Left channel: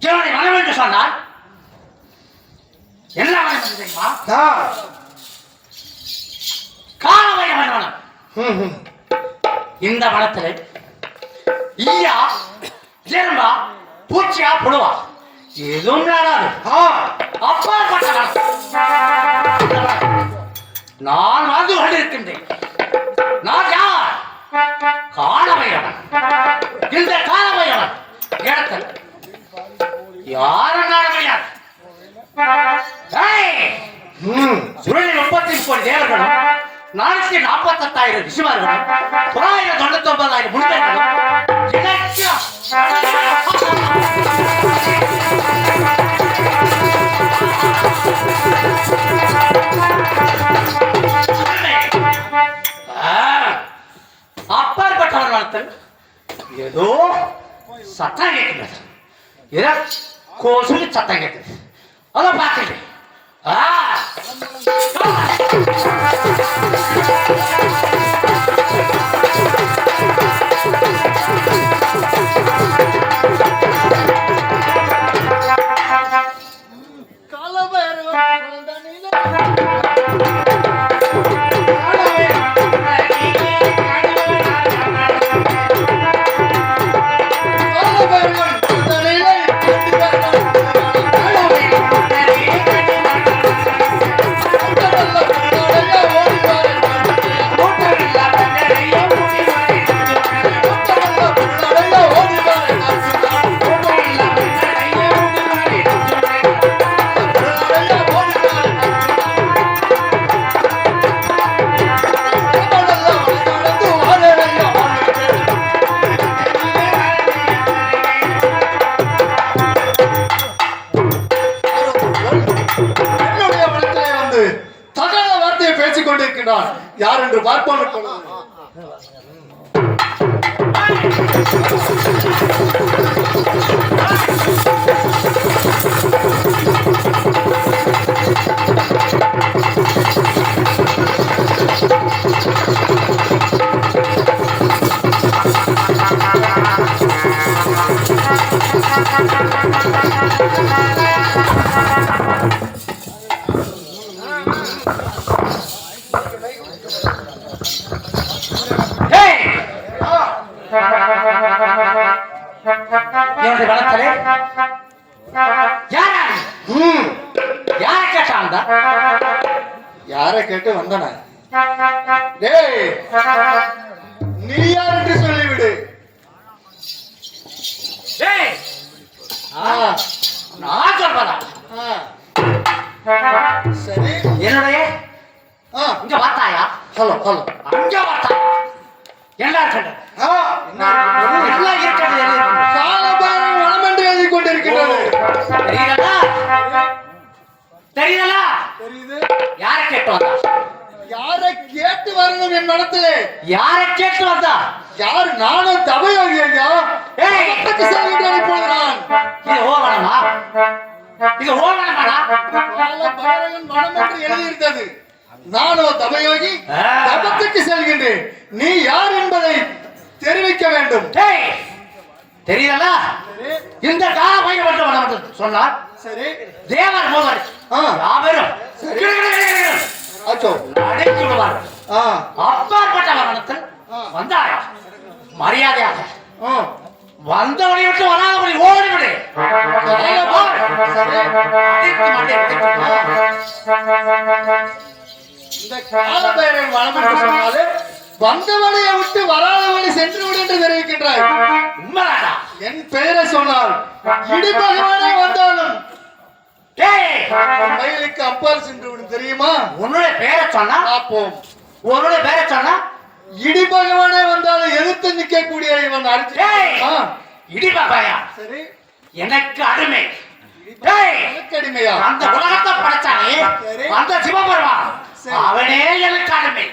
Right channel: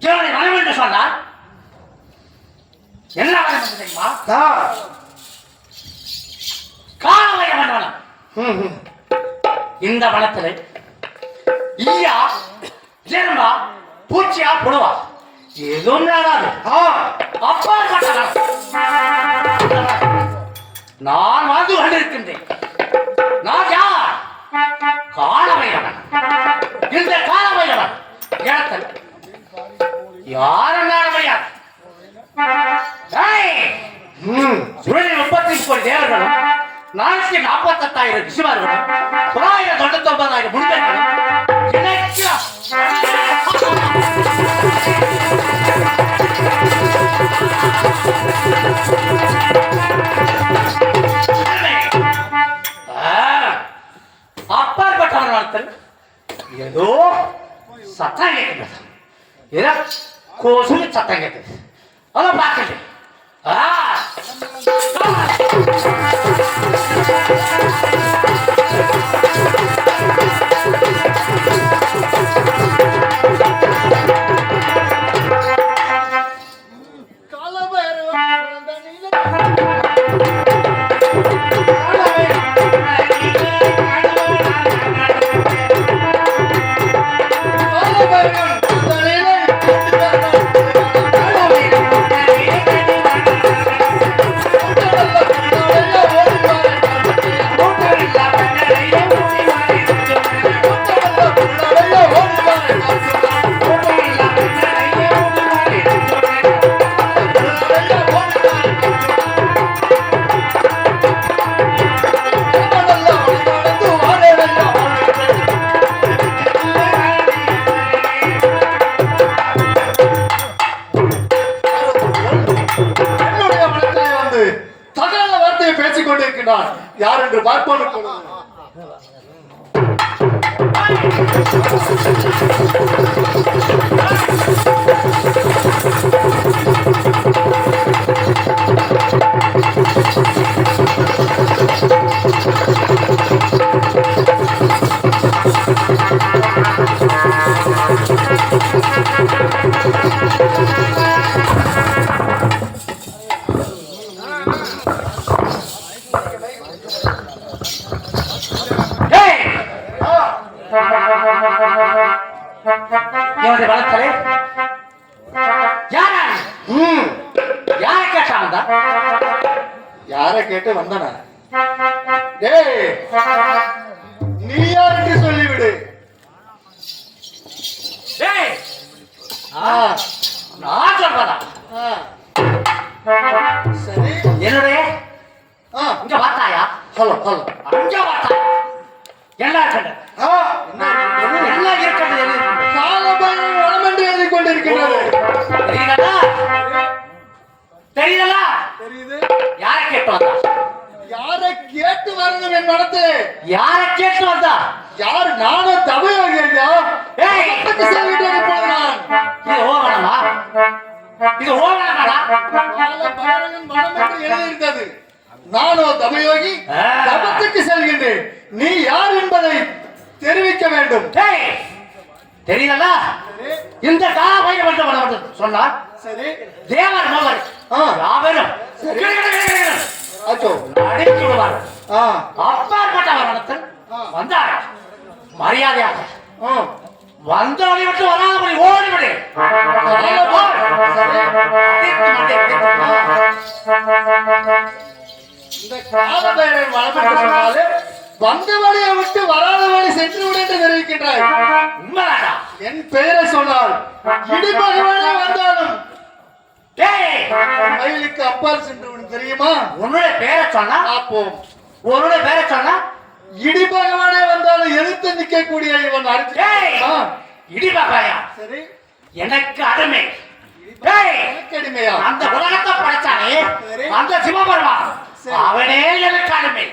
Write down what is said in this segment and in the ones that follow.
என்னுடைய மனம் என்று சொன்னார் என்ன மனம் தெரியுமா? காலவய மனம். இந்த வனத்தில் ஈயா எறும்பா பூச்சியா புழுவா எதுவும் நாடாது அப்பாற்பட்ட. நான் வாழ்ந்து கொண்டிருக்கின்றேன் நான் யார்? காலமையவன் இந்த காலமையவன் இடத்தில் யாரும் நாட முடியாது. முப்பத்தி கோடி தேவர்களும் நானூத்தி நாற்பத்தெட்டாயிரம் ரிஷிமார்களும் தொள்ளாயிரம் தொண்ணூத்தி ஒன்பதாயிரம் முனிவர்களும் అర్థాగೈತೆ ಏನ ಕೋಸು ಚತ್ತಾಗೈತೆ ಅಲ್ಲ ಬಾಕಲಿ ಆ கேட்டு வந்தன. நீ யார் என்று சொல்லிவிடு. நான் சொல்றதா. சரி. என்னுடைய? இங்க பார்த்தாயா ஹலோ ஹலோ. அங்க ஆ, என்ன இருக்கிறது எல்லாம் இருக்கிறது. காலபைரவன் வனம் என்று எழுதி கொண்டிருக்கிறது தெரியுதா? தெரியுதா? கேட்டு வரணும் என் மனத்திலே யாரை கேட்டு வந்தா? யார் நானும் தமிழ் இது ஓவனமா? இது ஓவனமாடா? வனம் என்று எழுதியிருந்தது நானோ தபயோகி. தபத்துக்கு செல்கின்றேன். நீ யார் என்பதை தெரிவிக்க வேண்டும். ஏய்! தெரியுதா? இந்த கால மட்டும் சொன்னார். சரி. தேவர் மோகன். ஆ. அச்சோ விடுவார் ஆ. அப்பாற்பட்ட மரணத்தில். வந்தாரா மரியாதையாக. வந்தவனை விட்டு வராதபடி ஓடிவிடு. இந்த காலபைரவன் வளம் சொன்னாலே வந்த வழியை விட்டு வராத வழி சென்று விடு என்று தெரிவிக்கின்றாய் உண்மைதானா? என் பெயரை சொன்னால் இடிபகவானே வந்தாலும் மயிலுக்கு அப்பால் சென்று விடு தெரியுமா? உன்னுடைய பேரை சொன்னா? பார்ப்போம். உன்னுடைய பேரை சொன்னா? இடி பகவானே வந்தாலும் எதிர்த்து நிற்கக்கூடிய இவன் அடிச்சு இடி பாப்பாயா சரி. எனக்கு அருமை அந்த உலகத்தை படைச்சானே சரி. அந்த சிவபெருமான். அவனே எனக்கு அருமை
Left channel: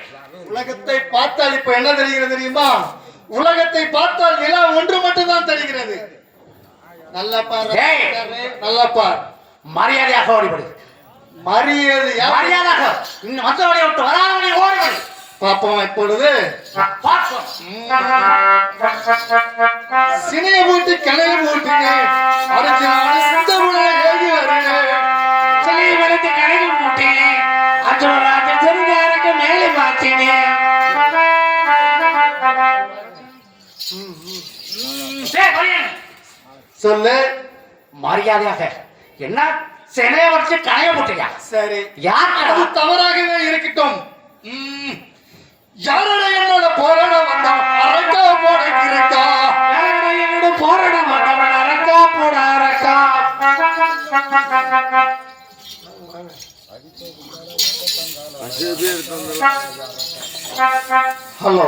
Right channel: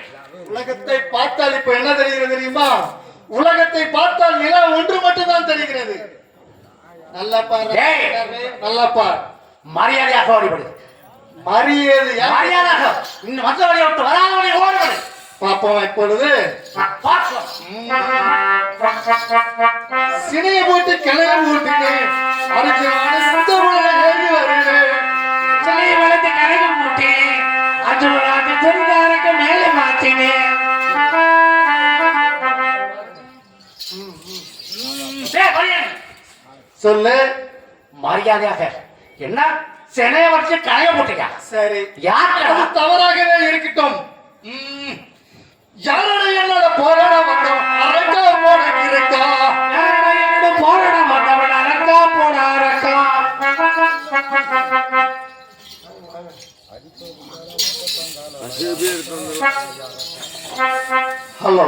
உலகத்தை பார்த்தால் இப்ப என்ன தெரிகிறது தெரியுமா? உலகத்தை பார்த்தால் நிலம் ஒன்று மட்டும்தான் தெரிகிறது. நல்லா பாரு. நல்லா பார். மரியாதையாக ஓடிவிடு. மரியாதை மரியாதையாக. இன்னும் வந்தவனை விட்டு வராதவனை ஓடிவிடு. பார்ப்போம் இப்பொழுது. பார்ப்போம். சினிய போட்டு கிணறு போட்டினேன் அர்ஜுனான சித்தமுறை எழுதி வருகிறேன். சொல்லி வளர்த்து கடைக்கு போட்டேன் அர்ஜுனராஜ தெரிஞ்சாருக்கு மேலே பார்த்தேன் சொல்லு. மரியாதையாக. என்ன? சிலைய வச்சு கடைய போட்டியா? சரி. யார் அது தவறாகவே இருக்கட்டும். யாரோட என்னோட போராட வந்தோம் அரக்கா போட இருக்கா? போராட மாட்டவன்? அரக்கா போட அரக்கா. ஹலோ.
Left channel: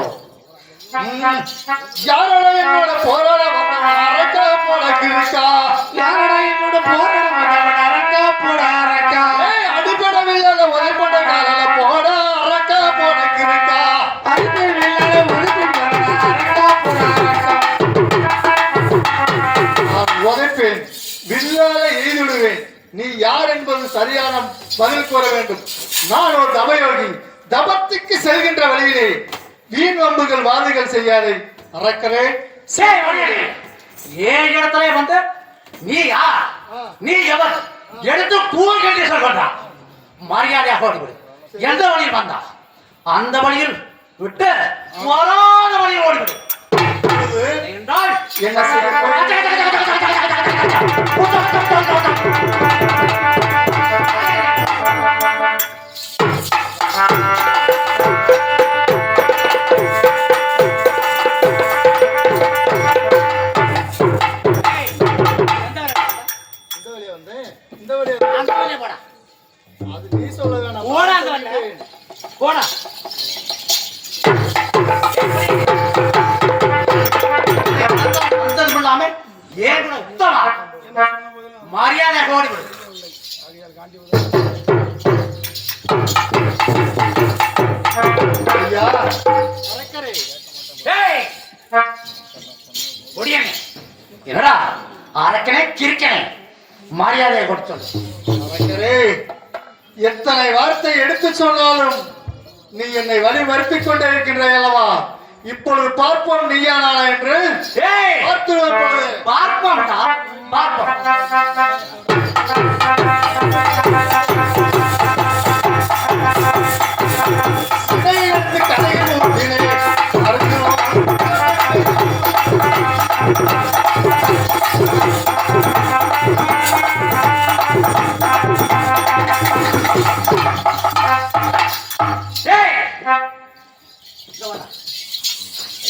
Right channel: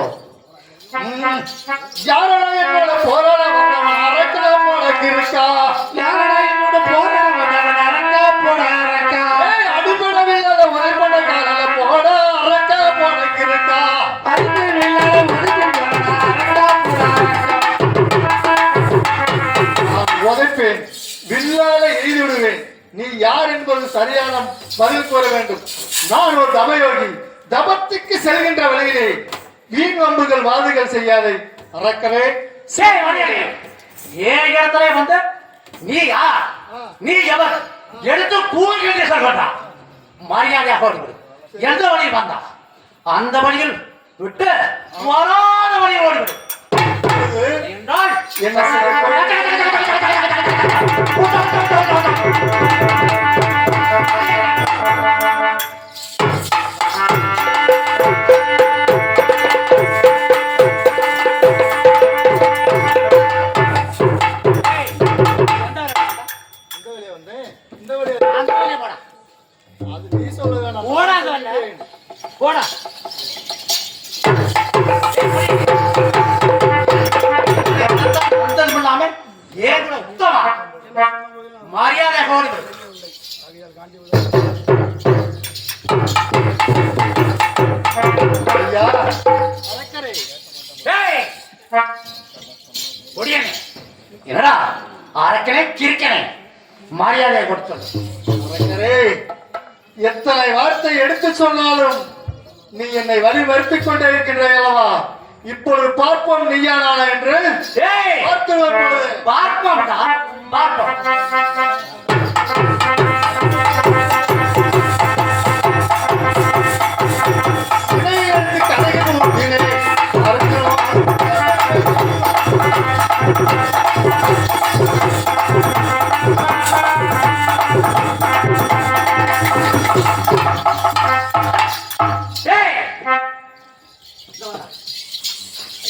யாரோட என்னோட போராட வந்தவன் அரக்கா போட இருக்கா? யாரடா என்னோட போராட நீ யார் என்பது சரியான பதில் கூற வேண்டும். நான் ஒரு தபயோகி தபத்துக்கு செல்கின்ற வழியிலே வீண் வம்புகள் வாதுகள் செய்யாதே. அறக்கவே சரி ஏன் இடத்துல வந்து? நீ யார்? நீ எவர்? எடுத்து கூவ கேட்டு சொல்றான் மரியாதையாக ஓடிவிடு எந்த வழியில் வந்தா அந்த வழியில் விட்டு வராத வழியில் ஓடிவிடு என்றால் என்ன இப்பொழுது பார்ப்போம் நீயா நானா என்று பார்ப்போம்டா. பார்ப்போம்.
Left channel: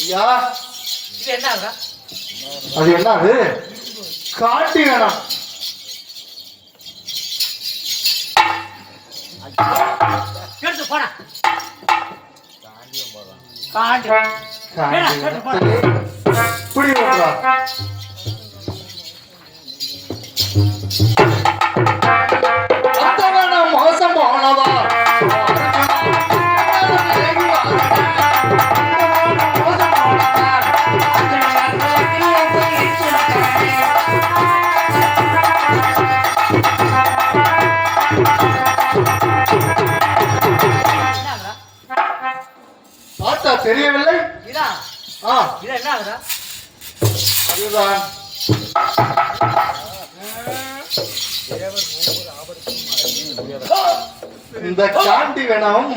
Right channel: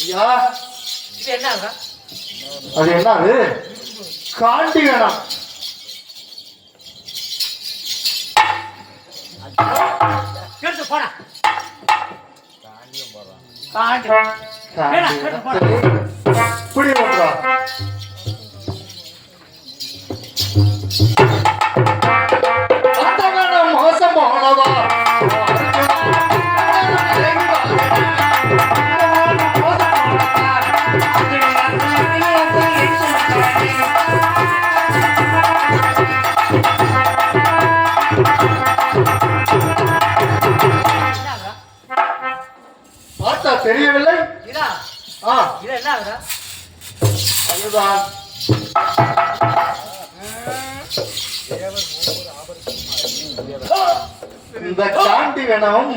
ஐயா. இது என்ன? அது என்ன அது? காண்டி வேணாம் எடுத்து போடா. காண்டு. இப்படி வரலா இந்த காண்டி வேணும்.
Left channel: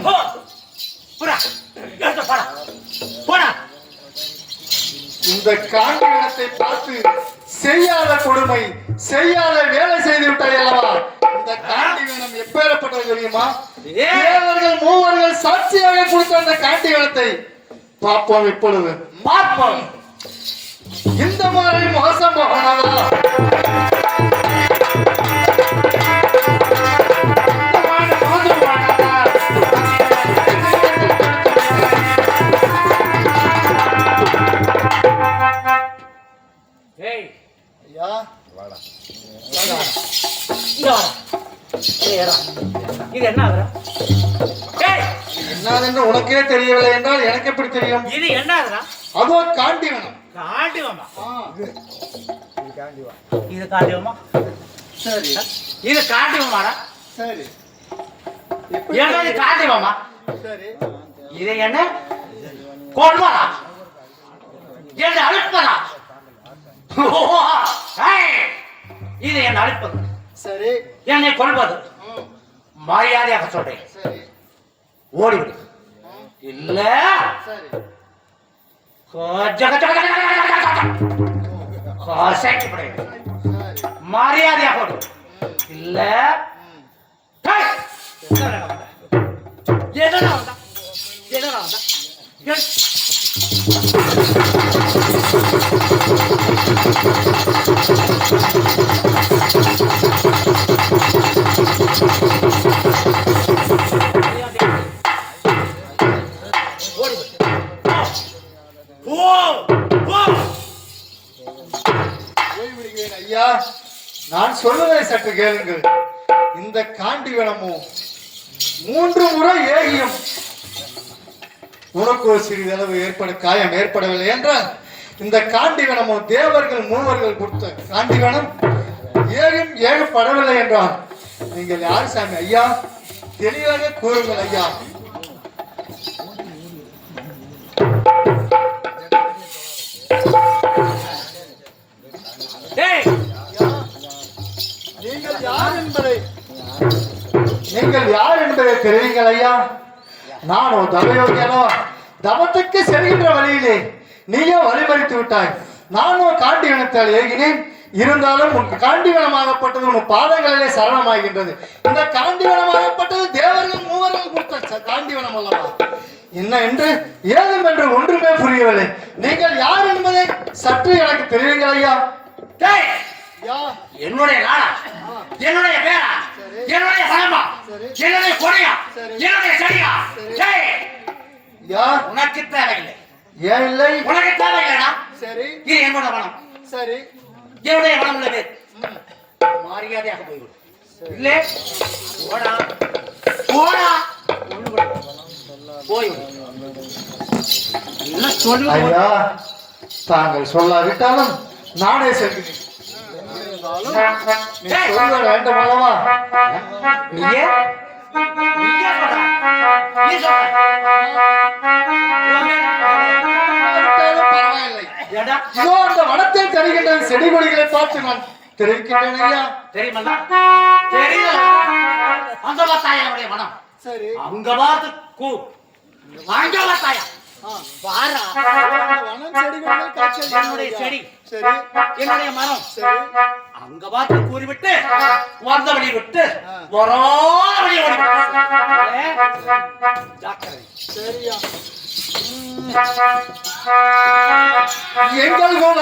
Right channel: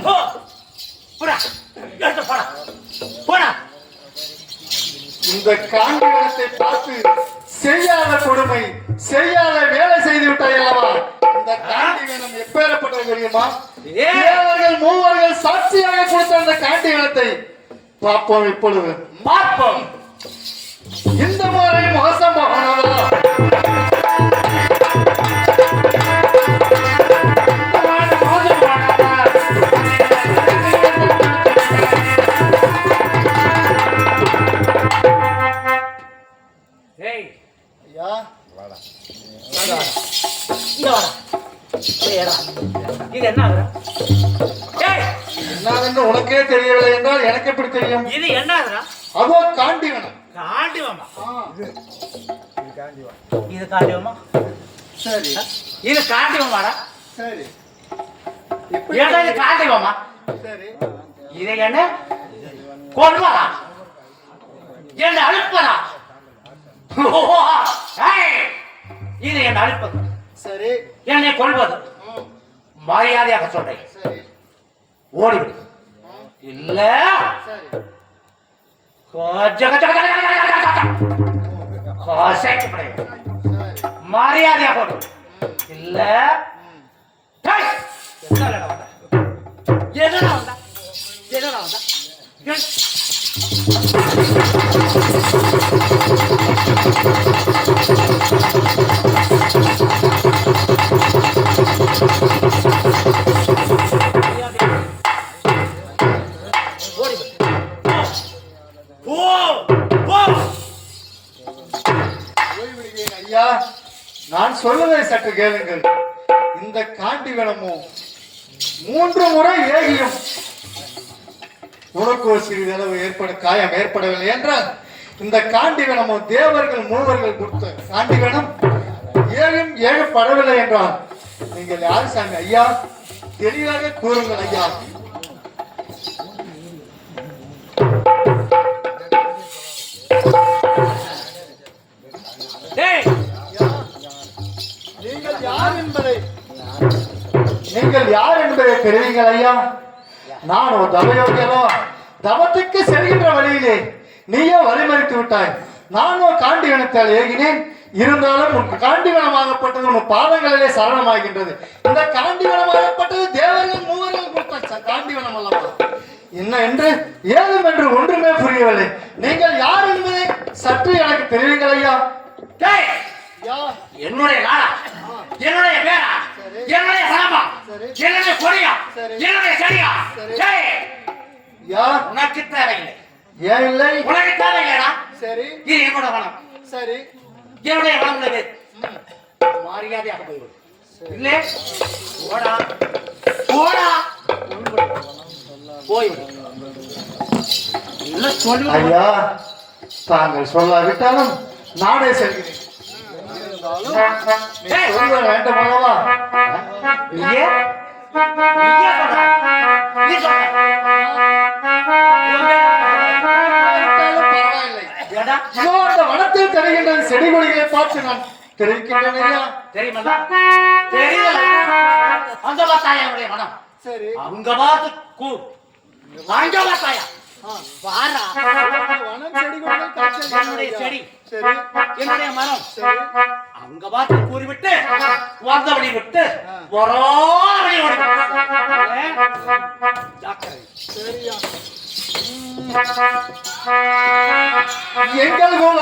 இந்த காண்டிவனத்தை பார்த்து செய்யாத கொடுமை செய்யாத வேலை செய்து விட்டாய் அல்லவா? இந்த காண்டிவனம் எப்பேறப்பட்டது தெரியுமா? ஏய். தேவர்கள் மூவர்கள் சாட்சியாக கொடுத்த அந்த காண்டிவனத்தை பார்ப்போம் இப்பொழுது. பார்ப்போம். இந்த மாதிரி மோசம் போகணவா ஏய் ஐயா இங்க வாடா. ஏய், ஏறா. இது என்ன ஆகுறா? ஏய். என்னதென்று உனக்கே தெரியவில்லை என்றால் எனக்கு எப்படி தெரியும்? இது என்ன ஆகுறா? அதோ காண்டிவனம் காண்டிவமா ஆ, இது காண்டிவமா சரி. இது காண்டிவமாடா சரி. ஏடா இது காண்டிவமா சரி இது என்ன? கொள்வதா? என்ன அழிப்பதா இது என்ன அழிப்பது சரி. என்னை கொள்வது? மரியாதையாக சொல்றேன். ஓடிவிடு. இல்ல. சரி. கொஞ்சம் கொஞ்சம் கொஞ்சம் கொஞ்சம் கொஞ்சம் கசைக்கப்படு. சரி மரியாதையாக ஓடு ம், இல்ல என்னடா வந்தா? என்னடா வந்தா? சற்று கேளுங்கள். இந்த காண்டிவனமும் மூன்று முறை ஏகியும். உனக்கு ஒரு சிறிதளவு ஏற்பட காயம் ஏற்படவில்லை என்றால் இந்த காண்டிவனமும் தேவர்கள் மூவர்கள் கொடுத்த காண்டிவனம் ஏழும் ஏகப்படவில்லை என்றால் நீங்கள் யார் சாமி ஐயா? தெளிவாக கூறுங்கள் ஐயா. Hey! யார் என்பதை? நீங்கள் யார் என்பதை தெரிவிங்கள் ஐயா. நான் ஒரு தவயோகி அல்லவா? தவத்துக்கு செல்கின்ற வழியிலே நீயோ வழிமறித்து விட்டாய். நானும் காண்டிவனத்தால் ஏகினேன். இருந்தாலும் உன் காண்டிவனமாகப்பட்டது உன் பாதங்களிலே சரணமாகின்றது. இந்த காண்டிவனமாகப்பட்டது தேவர்கள் மூவர்கள் கொடுத்த காண்டிவனம் அல்லவா? என்ன என்று ஏதும் என்று ஒன்றுமே புரியவில்லை. நீங்கள் யார் என்பதை சற்று எனக்கு தெரிவிங்கள் ஐயா. என்னுடைய நாடா என்னுடைய பேரா. என்னுடைய பணமா. என்னுடைய கொடியா. என்னுடைய சரியா சரி. டேய், யா? உனக்கு தேவையில்லை. ஏன் இல்லை. உனக்கு தேவையில்லைடா. சரி. இது என்னோட பணம் சரி. என்னுடைய பணம் உள்ளது. மரியாதையாக போய்விடு. இல்லை? ஓடா ஓடா ஒன்று போய்விடு. இல்லை சொல்லு ஐயா தாங்கள் சொல்லாவிட்டாலும் நானே செல்கிறேன். நீ ஏய். சொல்ல வேண்டும் அல்லவா நீயே. நீ வனத்தில் தருகின்ற செடி கொடிகளை பார்த்து நான் தெரிவிக்கின்றேன் ஐயா தெரியுமல்ல? தெரியல அந்த பார்த்தாயா என்னுடைய மனம். சரி. அங்க பார்த்து கூ. அங்க பார்த்தாயா வாரா. வனம் செடி கொடிகள் காட்சி என்னுடைய செடி. சரி. என்னுடைய மரம். சரி. அங்க பார்த்து கூறிவிட்டு வந்த வழி விட்டு வரோ வழி ஜாக்கிரதை. சரியா? எங்கள் குல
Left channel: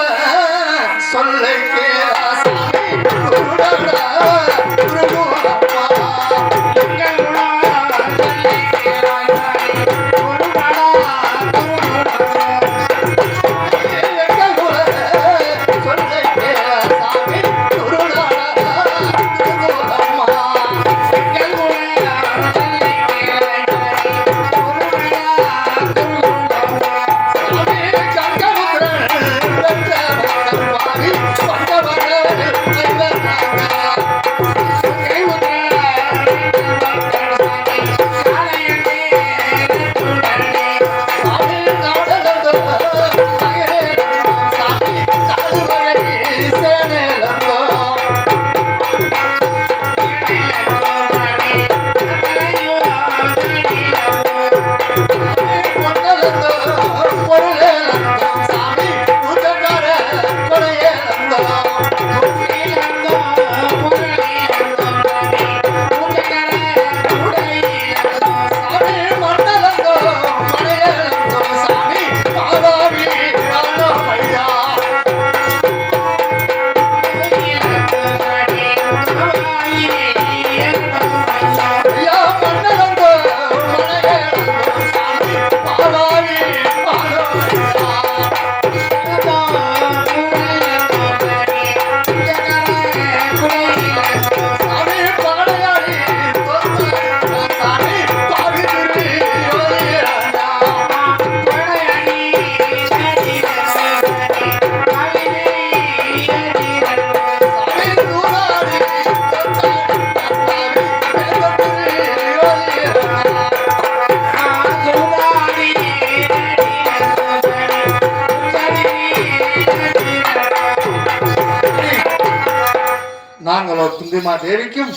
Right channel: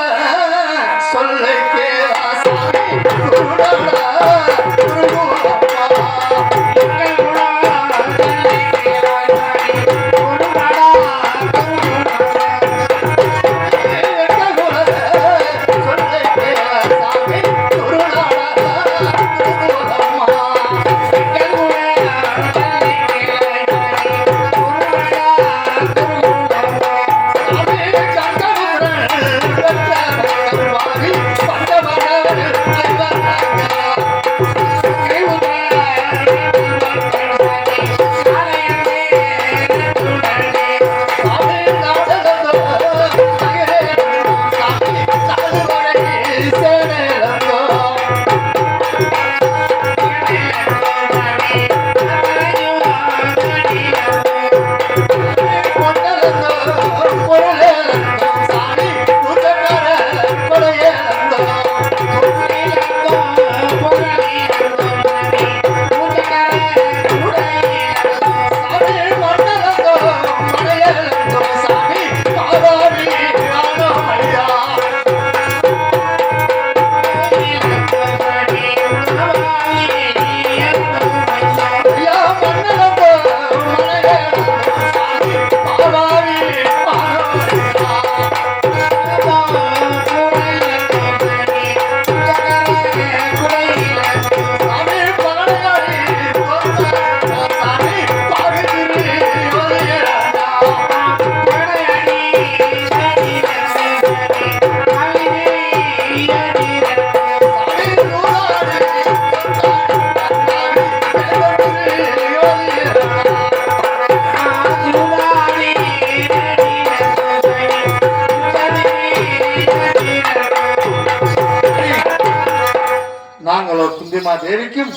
நாங்களோ குந்திமா தேவிக்கும்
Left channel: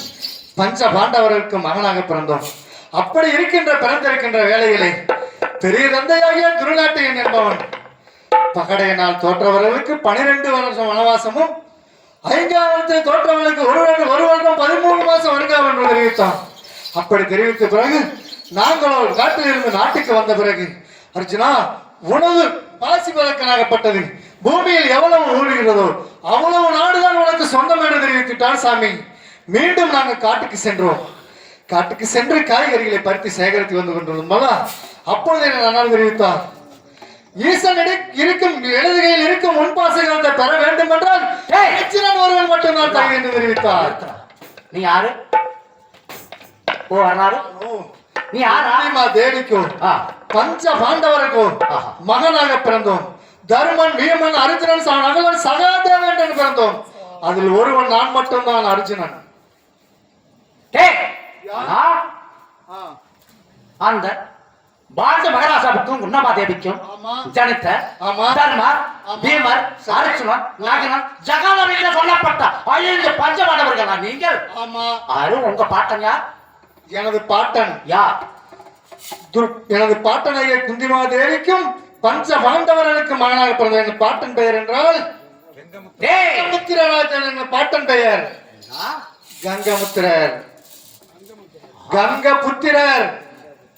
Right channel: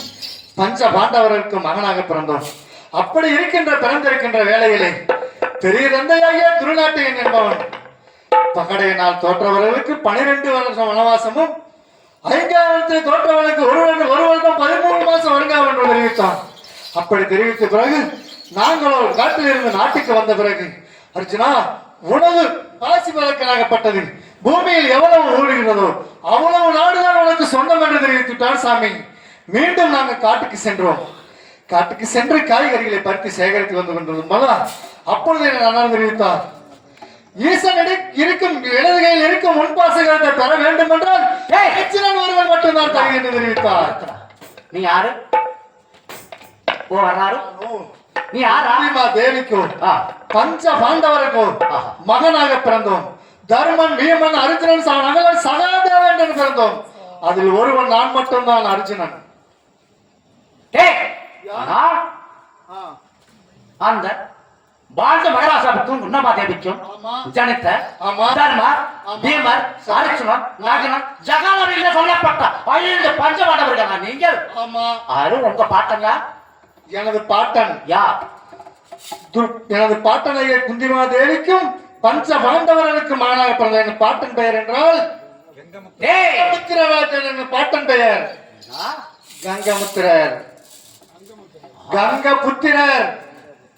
பஞ்ச பாண்டவர்களுக்கும் மகனாக பிறந்தோம். அப்படி இருக்கின்ற பிறந்திருக்கின்ற வேலைகளை பெரிய தந்தையாகிய துருகாட்டியன் என்பவன் பகடையினால் தோற்றவர்களுக்கு பனிரெண்டு வருஷம் வனவாசமும் ஐந்தாயிரத்தில் தோற்றவர்களுக்கு ஒரு வருடம் ஒரு வருடம் பதிமூணு மாசம் வருகாம் என்று தெரிவித்தான். அப்படி தெரிவித்த பிறகு நாங்களோ காட்டில் இருந்து நாட்டுக்கு வந்த பிறகு அர்ஜுனா உணவு பாசி பழக்கலாகப்பட்டது பூமியில் எவ்வளவு ஊடுகிறதோ அவ்வளவு நாடுதான் உனக்கு சொந்தம் என்று தெரிவித்துட்டான் சாமி. மீண்டும் நாங்கள் காட்டுக்கு சென்றோம். காட்டுக்கு சென்று காய்கறிகளை பறித்து சேகரித்து வந்து கொண்டிருந்தோம் அப்பொழுது அண்ணன் தெரிவித்தார். ஈசனிடம் இருக்கும் இடது கையில் இருக்கும் முன்பாசகத்தை பெற வேண்டும் என்றால் ஒருவன் மட்டும்தான் தகுதி என்று தெரிவித்தார். நீ யாரு? ஓ நீ யாரா? தேவிக்கும் ஆ, பஞ்ச பாண்டவருக்கும். மகனாக பிறந்தோம் தர்மன் வீமன் அர்ஜுனன் நகலன் சகாதேவன் என்று பிறந்தோம் அதில் ஒருவன் நான் மட்டும்தான் அர்ஜுனன் அந்த பாரத மகராசாவுக்கும் உன்னமா தேவிக்கும் ஆமா. ஜனித்த. தர்மர். பீமர். அர்ஜுனன் நகனன் என்று சொல்லப்பட்ட ஐந்து பஞ்சமானவர்களா நீங்கள் ஆமா அது உங்க பாட்டன் யார் எனது பாட்டன் யார் துர்- எனது பாட்டன் ஐயா குந்திமா தேவிக்கும் பஞ்ச பாண்டவர்களுக்கு மகனாக பிறந்த என் பாட்டன் பெயர் என்றால் பாட்டன் பெயர்? கங்கமுத்திரர். கங்கபுத்திரர்.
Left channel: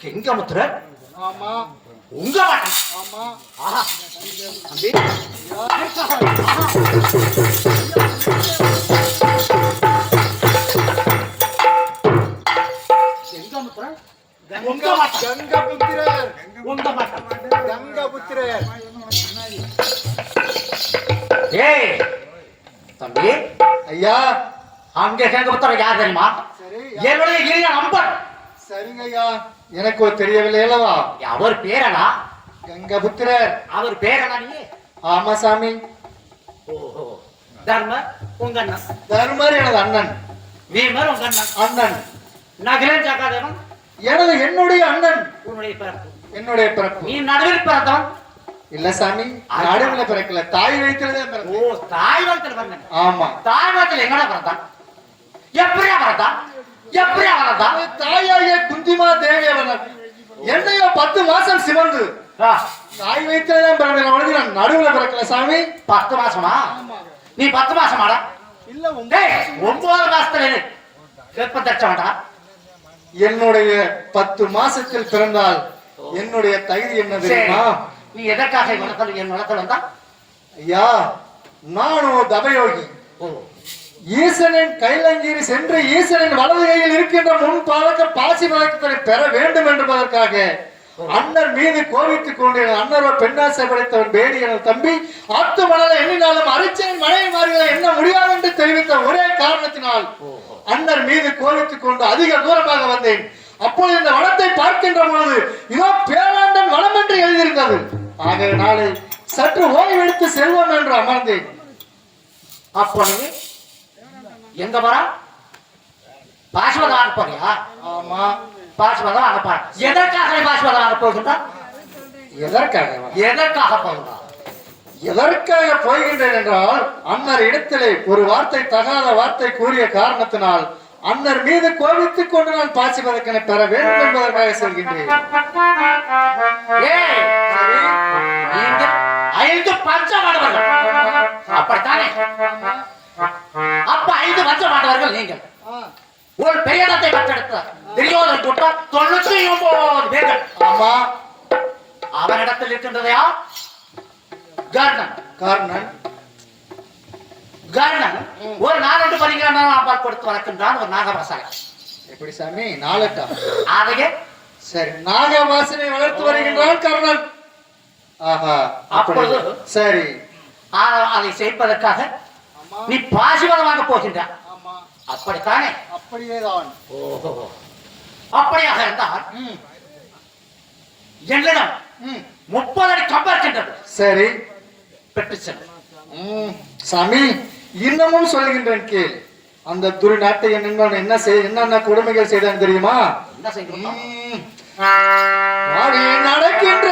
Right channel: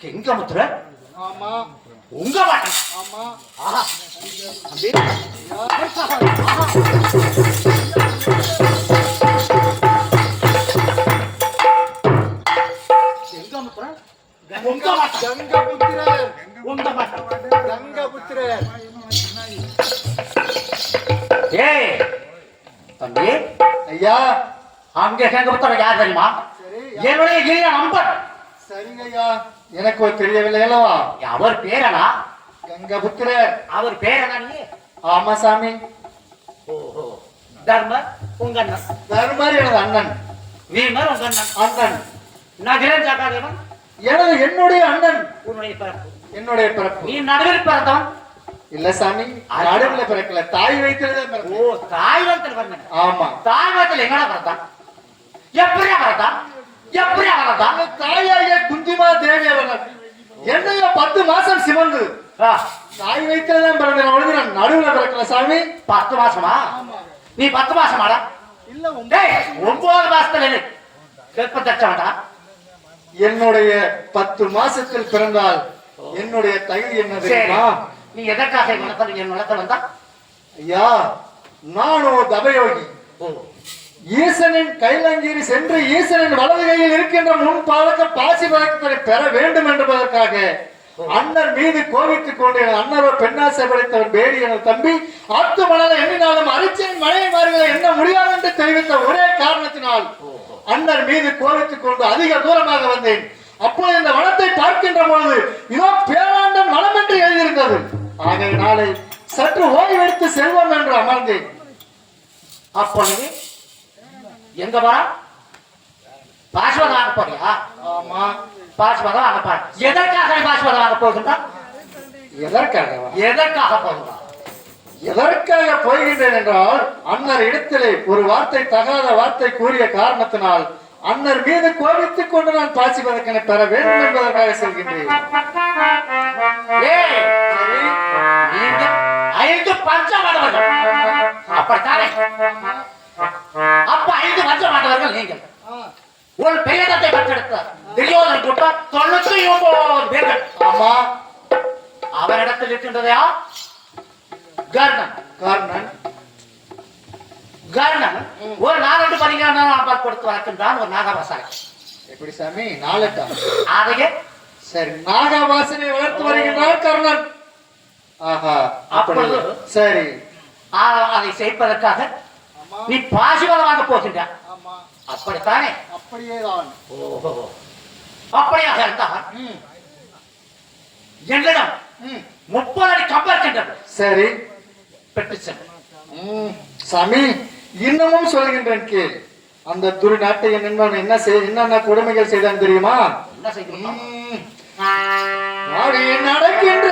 கெங்கமுத்திரர்? ஆமா. உங்க பாட்டன் ஆமா. ஆஹா. அங்க கெங்கமுத்திரர் யார் தெரியுமா? சரி என்னுடைய இளைய நம்பர். சரிங்க ஐயா எனக்கு தெரியவில்லை அல்லவா? அவர் பேரனா? கங்கபுத்திரர். அவர் பேரனா நீ ஆமா சாமி. ஓஹோ. தர்ம உங்க அண்ணன். தர்மர் எனது அண்ணன். வீமர் உங்க அண்ணன். அண்ணன். நகிலன் ஜாக்காதேவன். எனது என்னுடைய அண்ணன். உன்னுடைய பிறப்பு. என்னுடைய பிறப்பு. நீ நடுவில் பிறந்தவன். இல்ல சாமி நடுவுல பிறக்கல. தாய் வயிற்றுலதான் ஓ தாய் வளத்தில் பிறந்தன. ஆமா. தாய் வளத்தில் எங்கடா பிறந்தான்? எப்படியா பிறந்தான் எப்படியா பிறந்தான் அவள் தாயாகிய குந்திமா தேவி அவர்கள் என்னையோ பத்து மாசம் சிவந்து ஆ, தாய் வயிற்றுலதான் பிறந்தேன் அவளுக்கு நான் நடுவுல பிறக்கல சாமி. பத்து மாசமா? நீ பத்து மாசமாடா? இல்ல ஒன்பது மாசத்துல நீ கர்ப்பம் தச்ச வேண்டாம் என்னுடைய பத்து மாசத்தில் பிறந்தால் என்னுடைய தகுதி என்ன தெரியுமா? நீ எதற்காக என் நிலத்தில் என் நிலத்தில் வந்தா? ஐயா நான் ஒரு தபயோகி ஓ. ஈசனின் கைலங்கீரி சென்று ஈசனின் வலது கையில் இருக்கின்ற முன் பாலக்க பாசி பழக்கத்தை பெற வேண்டும் என்பதற்காக அண்ணர் மீது கோவித்துக் கொண்டு அண்ணரோ பெண்ணாசை படைத்தவன் பேடி என தம்பி ஆத்து மணலை எண்ணினாலும் அரிச்சன் மனைவி மாறிகளை எண்ண முடியாது என்று தெரிவித்த ஒரே காரணத்தினால் அண்ணர் மீது கோவித்துக் கொண்டு அதிக தூரமாக வந்தேன். அப்பொழுது இந்த வனத்தை பார்க்கின்ற பொழுது இதோ பேராண்டம் வனம் என்று எழுதியிருந்தது. ஆகவே நாளை சற்று ஓய்வெடுத்து செல்வம் என்று அமர்ந்தேன். அப்பொழுது எங்க வரா பாஸ்வதம் வாங்க போறியா? ஆமா. பாஸ்வதம் வாங்க போற. எதற்காக நீ பாஸ்வதம் வாங்க போகின்றா? எதற்காக எதற்காக போகின்றா எதற்காக போகின்றேன் என்றால் அன்னர் இடத்திலே ஒரு வார்த்தை தகாத வார்த்தை கூறிய காரணத்தினால் அன்னர் மீது கோபித்துக் கொண்டு நான் பாசி பதக்கனை பெற வேண்டும் என்பதற்காக செல்கின்றேன். ஐந்து பஞ்சமானவர்கள் அப்படித்தானே? அப்ப ஐந்து பஞ்சமானவர்கள் நீங்கள். ஒரு பெயரத்தை பெற்றெடுத்த துரியோதன் கூட்டம் தொண்ணூத்தி ஒன்பது பேர்கள். ஆமா. அவனிடத்தில் இருக்கின்றதையா கர்ணன். காரணன். கர்ணன் ஒரு நாலு பதிகான கொடுத்து வளர்க்கின்றான் ஒரு நாகவாசனை எப்படி சாமி? நாளட்டா ஆகைய சரி நாகவாசனை வளர்த்து வருகின்றான் கர்ணன். ஆஹா அப்பொழுது? சரி. அதை செய்வதற்காக நீ பாசிவதம் வாங்க போகின்ற. ஆமா. அப்படித்தானே? அப்படியேதான். ஓஹோ. அப்படியாக இருந்தால் என்னிடம் முப்பது அடி கம்பம் இருக்கின்றது சரி. பெற்று சென்று சாமி இன்னமும் சொல்கின்றேன் கேள். அந்த துர்நாட்டை என்பவன் என்ன செய் என்னென்ன கொடுமைகள் செய்தான் தெரியுமா? என்ன செய்யணும் நடக்கின்ற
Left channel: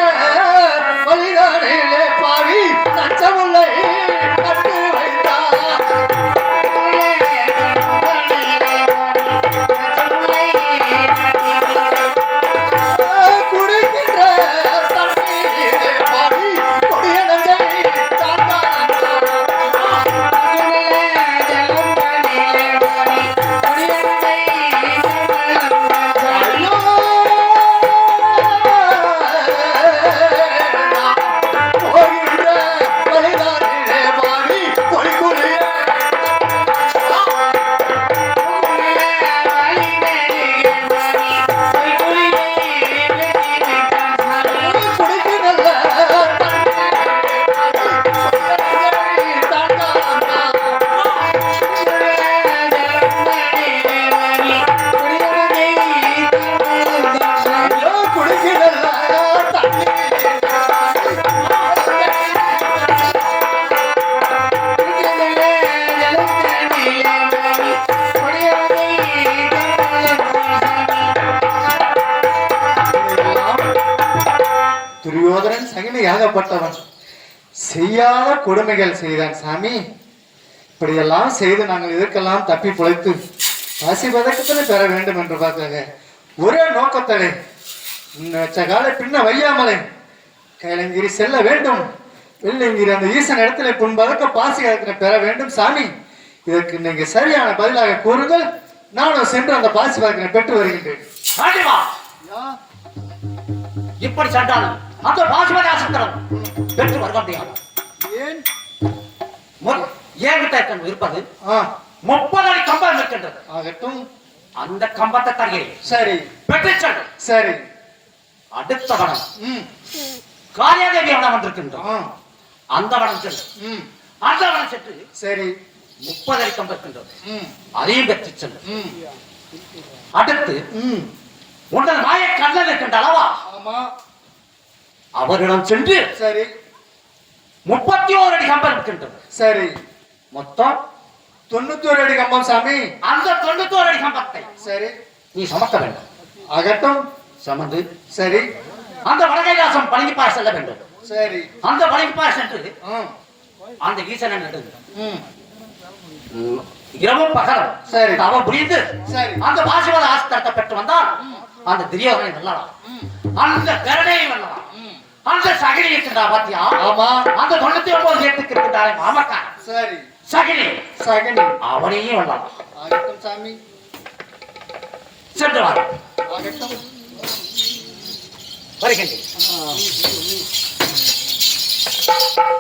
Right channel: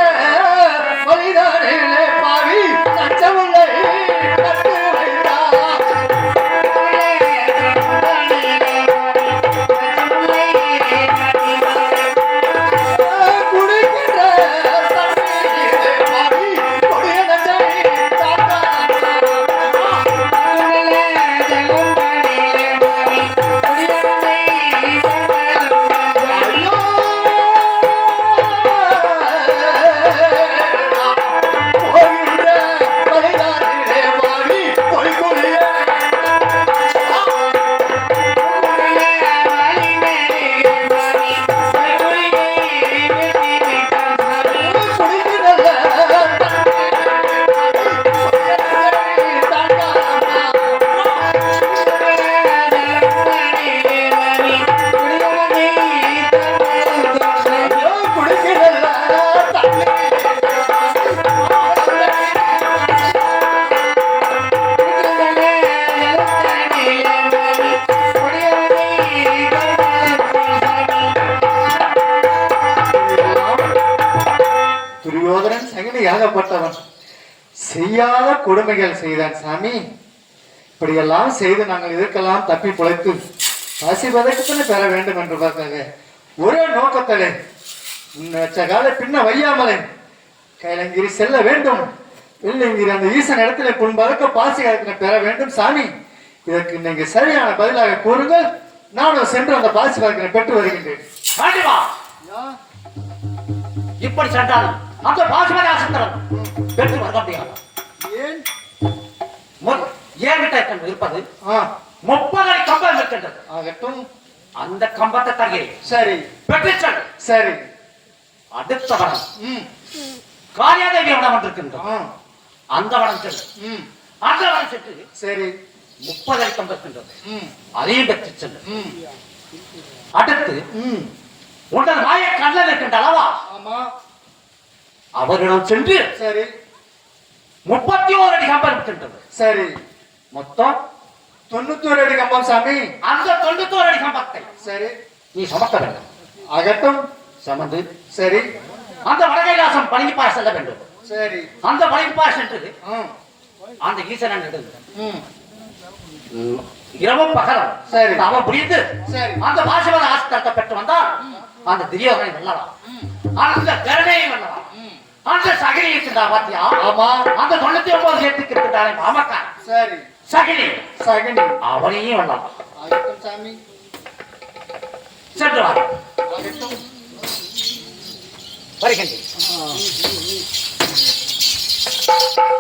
துரியோதனன் ஏகப்பட்டவன் செய்யாத கொடுமைகள் செய்தான் சாமி. இப்படியெல்லாம் செய்து நாங்கள் இதற்கெல்லாம் தப்பி பிழைத்து பசி பதக்கத்தில் பெற வேண்டும் என்று பார்த்தாங்க ஒரே நோக்கத்தடை வச்ச காலை பின்ன வையாமலை. கைலங்கிரி செல்ல வேண்டும். வெள்ளங்கிரி அந்த ஈசன் இடத்துல புண்பதக்க பாசி கலத்தினை பெற வேண்டும் சாமி. இதற்கு நீங்க சரியான பதிலாக கூறுங்கள். நானும் சென்று அந்த பாசி பதக்கனை பெற்று வருகின்றேன். இப்படி சென்றால் அந்த பாசுமதி ஆசத்திரம் வெற்றி வர முடியாது ஏன்? இருக்க- இருப்பது? ஆ. முப்பது கம்பம் இருக்கின்றது. ஆகட்டும். அந்த கம்பத்தை தருகிறேன். சரி. சென்று சரி. அடுத்த வனம். காரியாதேவி வனம் வந்திருக்கின்றது ஆ. அந்த வனம் சென்று அந்த வனம் சென்று சரி. முப்பது அடி ம். அதையும் வெற்றி சென்று. அடுத்து ம். உங்கள் மாய கண்ணல் இருக்கின்ற அளவா? ஆமா. அவரிடம் சென்று சரி. முப்பத்தி ஓரு அடி கம்பம் இருக்கின்றது. சரி. மொத்தம் தொண்ணூத்தோரு அடி கம்பம் சாமி. அந்த தொண்ணூத்தோரு அடி கம்பத்தை சரி. நீ சுமக்க வேண்டும். அகட்டும் சுமந்து. சரி. அந்த வடகைலாசம் பழனிப்பாறை செல்ல வேண்டும். சரி. அந்த பழனிப்பாறை சென்று அந்த ஈசனன் இரவும் பகலும். சரி. அவன் புரிந்து சரி. அந்த பாசவத ஆஸ்திரத்தை பெற்று வந்தால் அந்த திரியோதனை வெல்லலாம் அந்த கருணையை வெல்லலாம் அந்த சகிலி இருக்கின்றா பாத்தியா? ஆமா. அந்த தொண்ணூத்தி ஒன்பது ஏத்துக்கு இருக்கின்றானே மாமக்கான் சரி. சகிலி. சகனி அவனையும் வெல்லலாம் ஆகட்டும் சாமி. சென்று வார். வருகின்றேன்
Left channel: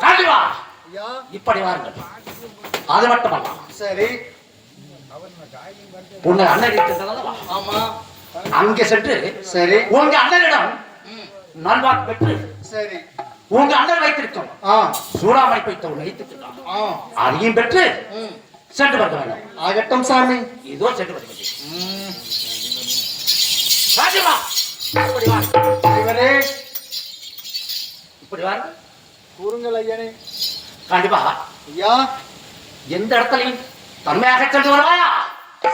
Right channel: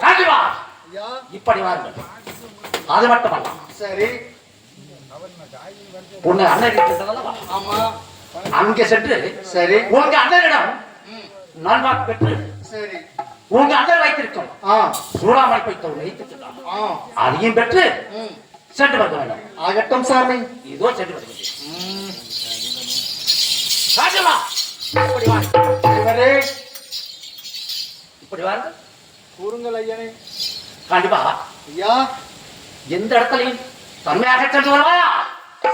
கண்டிப்பா ஐயா. இப்படி வாருங்கள். அது மட்டுமல்ல. சரி. உங்க அண்ணன் இருக்கின்றதல்லவா ஆமா. அங்கே சென்று சரி. உங்க அண்ணனிடம் ம் நல்வாக்கு பெற்று சரி. உங்க அண்ணன் வைத்திருக்கும் ஆ. சூடாமணி பைத்த வைத்திருக்கிறான் ஆ. அதையும் பெற்று ம். சென்று வந்து வேண்டும் ஆகட்டும் சாமி. இதோ சென்று வருகின்றேன். ம் ராஜமா இப்படி இவரே இப்படி வாருங்கள் கூறுங்கள் ஐயனே. கண்டிப்பா ஐயா. எந்த இடத்துலையும் தன்மையாக சென்று வருவாயா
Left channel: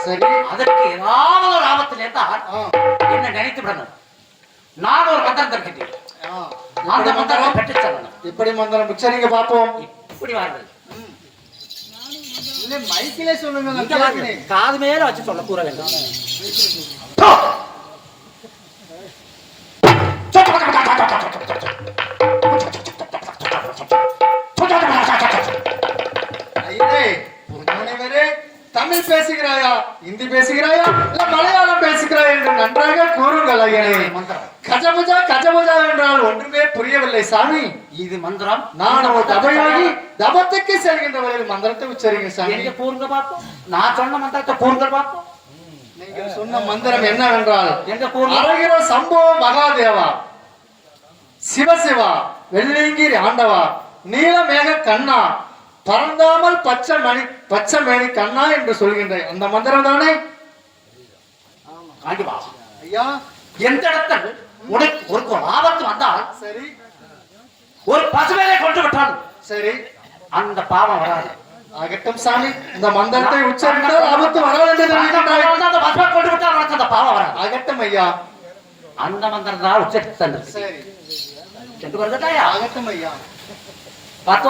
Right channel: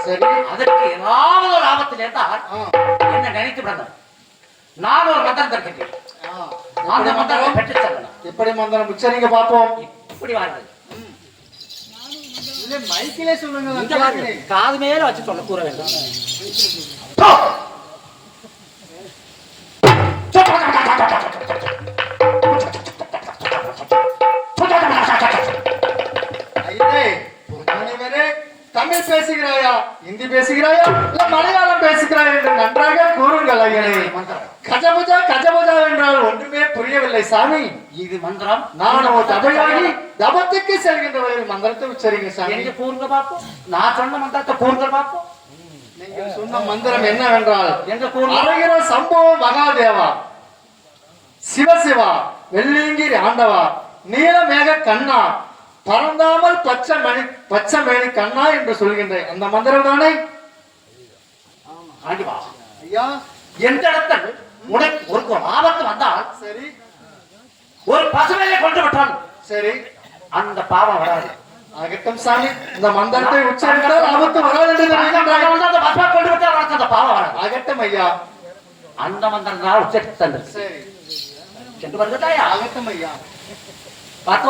சரி. அதற்கு ஏதாவது ஒரு ஆபத்தில் ஆ. என்ன நினைத்து விடணும். நான் ஒரு மந்திரம் தருகின்றேன் அந்த மந்திரத்தை பெற்று செல்லணும். எப்படி மந்திரம்? உச்சரிங்க பாப்போம் இப்படி வாருங்கள். மைக்கிலே சொல்லுங்க. காது மேல வச்சு சொல்ல கூற வேண்டும். தமிழ் பேசுகிறாயா? இந்தி பேசுகிறாயா? இல்ல மலையாளம் பேசுகிறாயா என்று நன்றாக கூறுங்கள் ஐயனே. கஜபுஜா கஜபுஜா என்றால் ஒன்றுமே புரியவில்லை சாமி. இது மந்திரம். நான் ஒரு தமிழாகி தபத்துக்கு செல்கின்றவர்கள் மந்திரத்தை உச்சரிங்க சாமி. கூறுங்க பார்ப்போம் நான் சொன்ன மந்திரத்தை கூறுங்க பார்ப்போம் நீங்கள் சொன்ன மந்திரம் என்னவென்றால் அழகிற சம்பவ மகாதேவா. சிவசிவா வெள்ளிங்கிரி ஆண்டவா நீலமேக கண்ணா பறந்தாமல் பச்சை மணி பச்சை மணி கண்ணா என்று சொல்கின்றேன். அந்த மந்திரம் தானே? கண்டிப்பா. ஐயா. எந்த இடத்தில் உனக்கு ஒரு ஒரு ஆபத்து வந்தால் சரி. ஒரு பசுமையை கொண்டு விட்டால் சரி. அந்த பாவம் வராது. ஆகட்டும் சாமி இந்த மந்திரத்தை உச்சரித்தால் ஆபத்து வராது என்று. அந்த போட்டு பாவம் வராது. ஆகட்டும் ஐயா. அந்த மந்திரம் தான் உச்சரித்து தந்தது சென்று வருகிறதாயா? ஆகட்டும் ஐயா. பார்த்து